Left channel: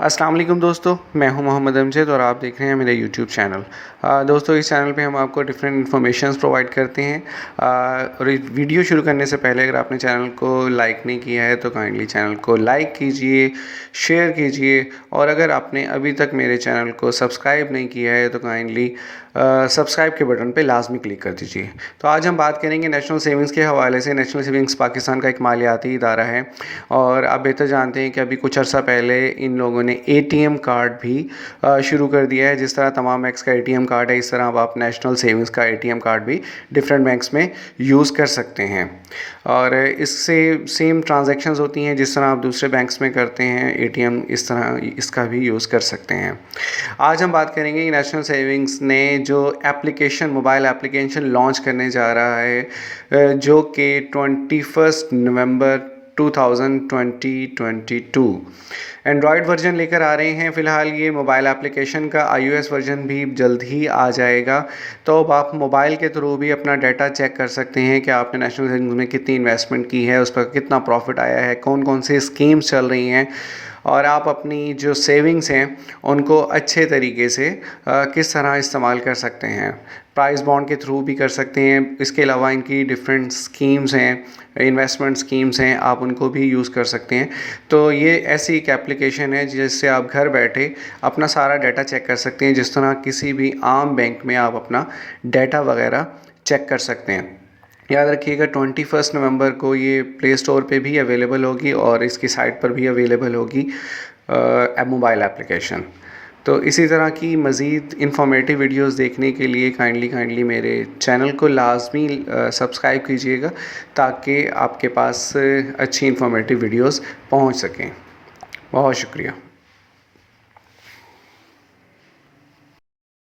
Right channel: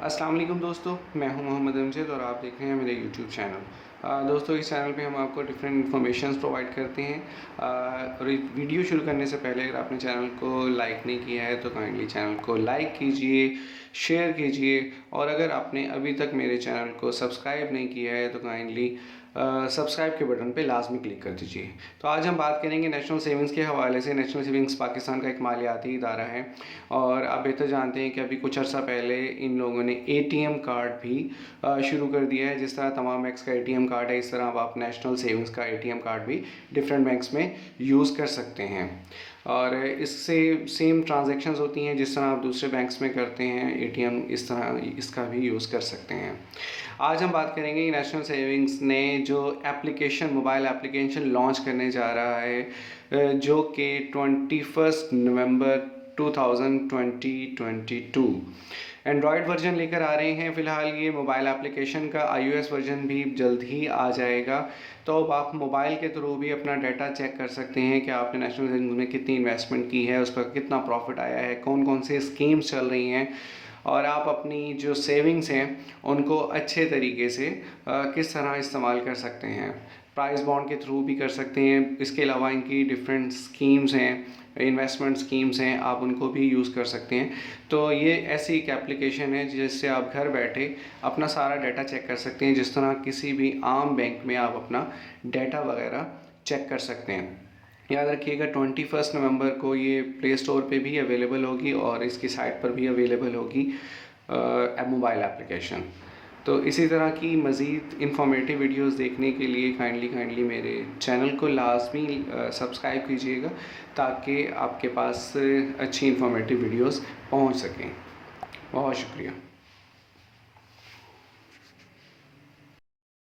अस्सलाम वालेकुम दोस्तों, मैं हूं मोहम्मद अमजद और आप देख रहे हैं मेरा यूट्यूब चैनल। दोस्तों, इस चैनल पे हम आपको डिफरेंट इन्फॉर्मेशंस प्रोवाइड करते हैं। और इस वीडियो शुरू करने से पहले अगर आपने चैनल को लाइक नहीं किया है तो काइंडली चैनल को लाइक कीजिए, शेयर कीजिए, और अगर आपने अभी तक मेरे चैनल को सब्सक्राइब नहीं किया है तो काइंडली सब्सक्राइब के बटन पे लाजमी क्लिक कर दीजिए। तो आज हम बात करेंगे नेशनल सेविंग्स के हवाले से। नेशनल सेविंग्स पाकिस्तान का एक मालियाती इदारा है और आप बेहतर जानते हैं कि अभी कुछ अर्सा पहले इन लोगों ने एटीएम कार्ड भी शुरू कर दिया है। जिस तरह तमाम बैंक्स का एटीएम कार्ड है, इस तरह अब आप नेशनल सेविंग्स का एटीएम कार्ड भी डिफरेंट बैंक्स में यूज़ कर सकते हैं और इससे सेम ट्रांजैक्शंस होती हैं जिस तरह आप दूसरे बैंक्स में करते हैं। एटीएम इस तरह इसका भी यूज़ कर सकते हैं। आज हम बात करेंगे कि नेशनल सेविंग्स ने जो एप्लीकेशन मोबाइल एप्लीकेशन लॉन्च करने जा रहा है जो कि 21 नवंबर 2022 एंड्रॉयड वर्जन लेकर आ रहे हैं। फ़िलहाल ये मोबाइल एप्लीकेशन का iOS वर्जन भी जल्द ही आ जाएगा। तो अब आप मोबाइल के थ्रू भी अपना डाटा चेक कर सकते हैं कि आपने नेशनल सेविंग्स में कितनी इन्वेस्टमेंट की है, उस पर कितना प्रॉफिट आया है, कौन कौन से स्कीम्स चल रही हैं और आप अपनी जो सेविंग्स हैं उनको अच्छे तरीके से किस तरह इस्तेमाल कर सकते हैं। प्राइस बॉन्ड के थ्रू भी कर सकते हैं। इसके अलावा इनकी डिफरेंट स्कीम्स हैं, इन्वेस्टमेंट स्कीम्स हैं, आप उनको भी यूज़ कर सकते हैं। तो ये ऐसी एक एप्लीकेशन है जिससे आप घर बैठे अपना सारा डाटा चेक कर सकते हैं, जिस तरह किसी भी आम बैंक में आप अपना डाटा वगैरह चेक कर सकते हैं। याद रखिएगा 21 नवंबर को ये प्ले स्टोर पे भी अवेलेबल होगी और इसकी साइट पर भी अवेलेबल होगी मोबाइल एप्लीकेशन। तो इसी तरह की मज़ीद इंफॉर्मेटिव वीडियोस देखने के लिए काइंडली मेरे चैनल को लाजमी सब्सक्राइब कीजिएगा ताकि आपके पास अच्छी इंफॉर्मेटिव वीडियोस पहुंच सकें। बहुत शुक्रिया।